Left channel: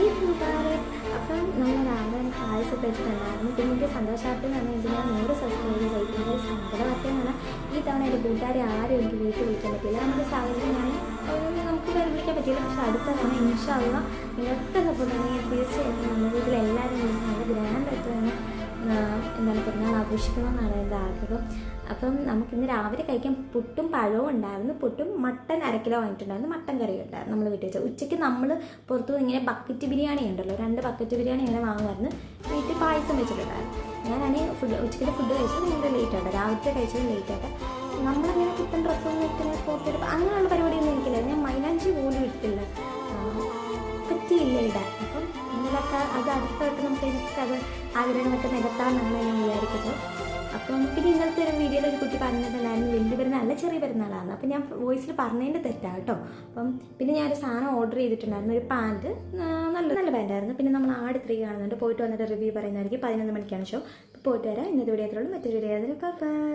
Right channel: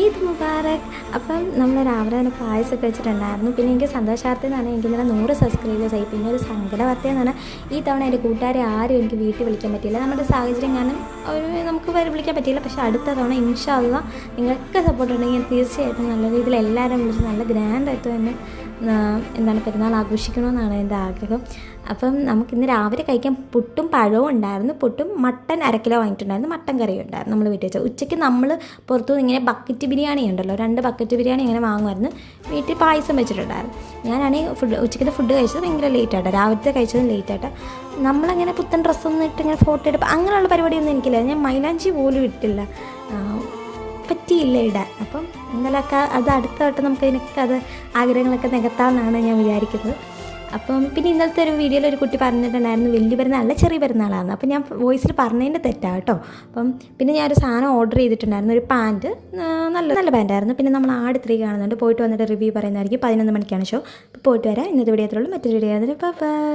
ഈദ് മുബാറക്. അപ്പം നമ്മൾ രാവിലെ തന്നെ പായസമൊക്കെ വെച്ചിട്ടുണ്ടായിരുന്നു. പിന്നെ എനിക്ക് സന്തോഷാർത്ഥം എന്ന് പറഞ്ഞാൽ എനിക്ക് ഇന്നലെ 100 സബ്സ്ക്രൈബേഴ്സായി. പിന്നെ ഒരു സങ്കട വാർത്ത എന്ന് പറഞ്ഞാൽ ഈ തവണ എൻ്റെ കൂട്ടുകാരെ ആരും എനിക്ക് വീട്ടിൽ വിളിക്കാൻ പറ്റിയില്ല. നമ്മുടെ സാഹചര്യം കാരണം നമുക്ക് വിളിക്കാൻ പറ്റിയില്ല. പക്ഷേ അടുത്ത തവണ ഇൻഷാ അല്ലാഹ് നിങ്ങൾക്ക് സപ്പോർട്ട് ഉണ്ടെങ്കിൽ തീർച്ചയായിട്ടും നല്ല രീതിയിൽ എല്ലാവരും വിളിച്ച് നല്ല ഗ്രാൻഡായിട്ട് തന്നെ എന്താണ് പെരുന്നാൾ ആഘോഷിക്കണമെന്നാണ് എൻ്റെ ആഗ്രഹം. അപ്പം നമുക്കിന്ന് രാവിലെ കഴിക്കാൻ പുട്ടും പഴവും ഉണ്ടായിരുന്നു. പുട്ടും മട്ടൻ 1/2 കിലോ വാങ്ങിയിട്ടുണ്ടായിരുന്നു. മട്ടൻ കറിയും ഉണ്ടായിരുന്നു നമ്മൾ വീട്ടിൽ വെച്ചാൽ. ഉച്ചയ്ക്ക് നമ്മൾ പുറത്തുനിന്ന് ഇങ്ങനെ ബക്കറ്റ് ബിരിയാണി ഉണ്ടല്ലോ, 2 ബക്കറ്റ് ബിരിയാണി ഇങ്ങനെ വാങ്ങുമായിരുന്നു. വീട്ടിൽ പായസം വെച്ചിട്ടുണ്ടായിരുന്നു. ഞാനാണെങ്കിൽ ഉച്ചയ്ക്കത്തെ ഫുഡ് കഴിച്ചത് ഭയങ്കര ലേറ്റായിട്ട്, രാവിലത്തെ കഴിച്ചത് ലേറ്റായിട്ട്. നമ്മളങ്ങനെ പുത്തൻ ഡ്രസ്സൊന്നും ഇട്ട് ഇങ്ങനെ ഫോട്ടോ എടുപ്പോൾ അങ്ങനെയുള്ള പരിപാടിയൊന്നും എനിക്കില്ല. ഞാൻ മൈലാഞ്ചി പോലും ഇട്ടില്ല, പറ്റിയില്ല ഇടാൻ. അപ്പം ഇന്നലെയൊക്കെ അത് അടുത്ത വട്ടം നമുക്ക് അത് ആഗ്രഹങ്ങളൊക്കെ നികത്താമെന്നാണ് ഞാൻ വിചാരിക്കുന്നത്. അപ്പം പിന്നെ ഇന്നലത്തെ ഒരു വീഡിയോയിൽ ഒരു കുട്ടി പറഞ്ഞിട്ടുണ്ടായിരുന്നു വലിയ പെരുന്നാളല്ല ചെറിയ പെരുന്നാളാണ്. അപ്പം ഞാൻ വോയിസിൽ പറഞ്ഞതിൻ്റെ തെറ്റാണ് കേട്ടോ. അപ്പം പിന്നെ ഞാനൊരു സാധനം ഓർഡർ ചെയ്തിട്ടുണ്ടായിരുന്നു, ഒരു പാൻറ്റ്, നല്ല പാൻറ്റായിരുന്നു. പിന്നെ നമ്മൾ ആട് 3 കാണുന്നുണ്ട്, പോയിട്ട് വന്നിട്ട് റിവ്യൂ പറയുന്നതായിരിക്കും. 11 മണിക്കാണ് ഷോ. അപ്പോൾ പോയിട്ട് വരാം. ഇന്നത്തെ വീഡിയോ അത്രയുള്ളൂ. മറ്റൊരു വീഡിയോ ആയിരുന്നു. ബൈ.